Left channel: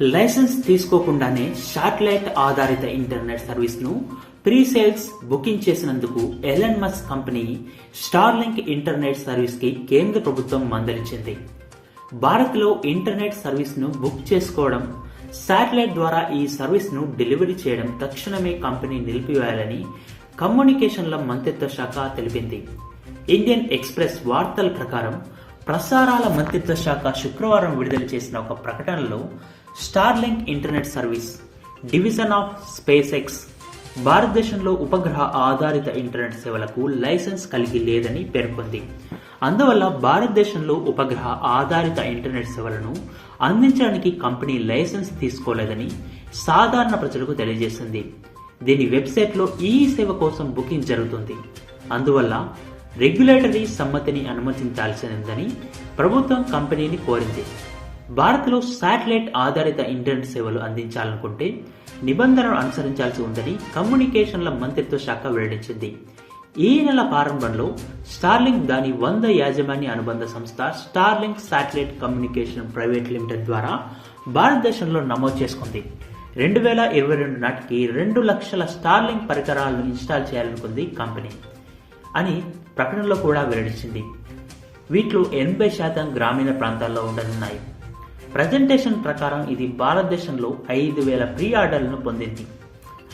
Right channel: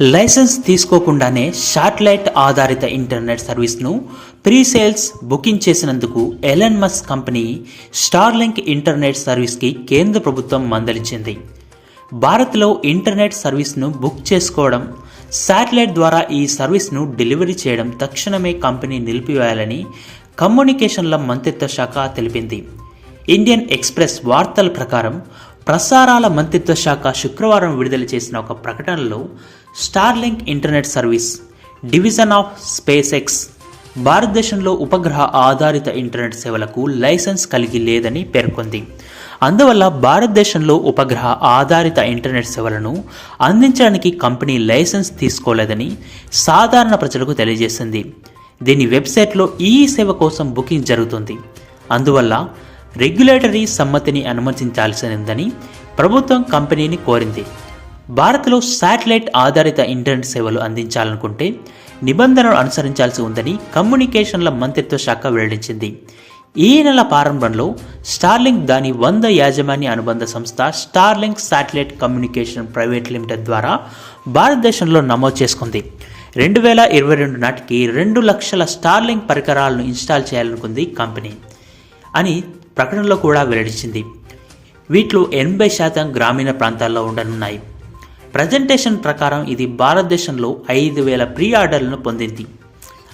Licence తీసుకోకుండానే satellite ఆధారిత internet సర్వీస్ను pre sales booking చేసినందుకు Elon Musk company Starlink internet సర్వీస్కి కేంద్ర ప్రభుత్వం మందలించింది. భారత్లో ఇంటర్నెట్ సర్వీస్ను బుక్ చేసుకోవడం, శాటిలైట్ ద్వారా ఈ సర్వీస్ను డెలివరీ చేయడం తక్షణమే కంపెనీ నిలిపివేయాలని కమ్యూనికేషన్ల మంత్రిత్వ శాఖ తెలిపింది. ఇండియన్ ఎక్స్ప్రెస్ వార్తల ప్రకారం ప్రసారాల మంత్రిత్వ శాఖ శుక్రవారం విడుదల చేసిన ఒక ప్రకటనలో Starlink internet service division of space X భారతదేశంలో ఉపగ్రహ ఆధారిత ఇంటర్నెట్ సేవలకు లైసెన్స్ కలిగి లేదని పేర్కొంది. అందువల్ల భారతదేశంలో ఉపగ్రహ ఆధారిత ఇంటర్నెట్ సేవలను అందించడానికి కంపెనీ లైసెన్స్ తీసుకోలేదని సాధారణ ప్రజలకు తెలియజేసింది. దీని వెబ్సైట్లో ఈ సేవ కోసం బుకింగ్ జరుగుతుంది. అందువల్ల రెగ్యులేటరీ సమ్మతిని అనుమతించాల్సిందని ప్రభుత్వం కంపెనీని కోరింది. భారత్లో శాటిలైట్ ఆధారిత ఇంటర్నెట్ సేవలు అందించాలనుకుంటే నిబంధనలు అనుసరించాల్సి ఉందని కమ్యూనికేషన్ల మంత్రిత్వ శాఖ వెల్లడించింది. ఈ నెల ప్రారంభంలో స్టార్లింక్ దాని 100 యాజమాన్య అనుబంధ సంస్థ Starlink satellite communication private limited ద్వారా భారతదేశంలో నమోదు చేసుకుంది. 2022 నాటికి 2 లక్షల స్టార్లింక్ పరికరాలను ఇన్స్టాల్ చేయాలనుకుంది కంపెనీ అని ప్రకటనలో కూడా వెల్లడించింది. వీటిలో 80% గ్రామీణ ప్రాంతాల్లో ఉండనున్నాయి. ప్రజెంటేషన్ ప్రకారం ఇది భారతదేశంలో 5,000 ప్రీ ఆర్డర్లను పొందింది.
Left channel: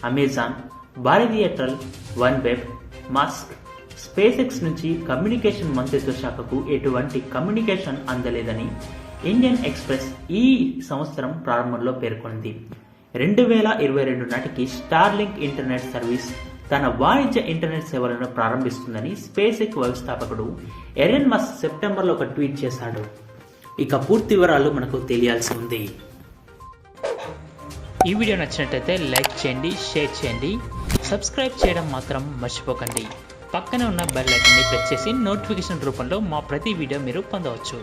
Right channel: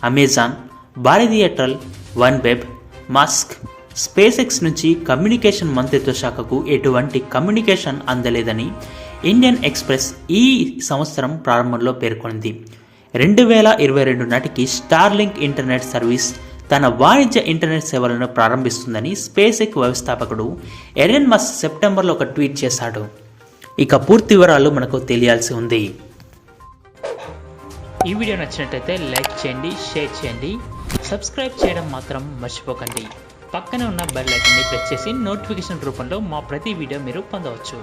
Amazon, Bharti Airtel, OneWeb, Musk, SpaceX నుంచి కమ్యూనికేషన్ మంత్రిత్వ శాఖకు ఎటువంటి కమ్యూనికేషన్ అందలేదని ఇండియన్ ఎక్స్ప్రెస్ ఈ సంవత్సరం ప్రారంభంలో పేర్కొంది. 2022 నాటికి స్టార్లింక్ ఇంటర్నెట్ సర్వీస్ తన వాణిజ్య ఇంటర్నెట్ సేవలను ప్రారంభిస్తుందని స్పేస్ ఎక్స్ వ్యవస్థాపకుడు ఎలన్ మస్క్ సెప్టెంబర్లో ఒక ట్వీట్ చేశాడు. ఇక పూర్తి వివరాలు మనకు తెలియాల్సి ఉంది. ఈ వీడియో నచ్చినట్లయితే లైక్ చేయండి, షేర్ చేయండి, సబ్స్క్రైబ్ చేయడం మాత్రం మర్చిపోకండి. పక్కనే ఉన్న బెల్ ఐకాన్ని ప్రెస్ చేసి నోటిఫికేషన్ రూపంలో మా ప్రతి వీడియో మీరు పొందవచ్చు.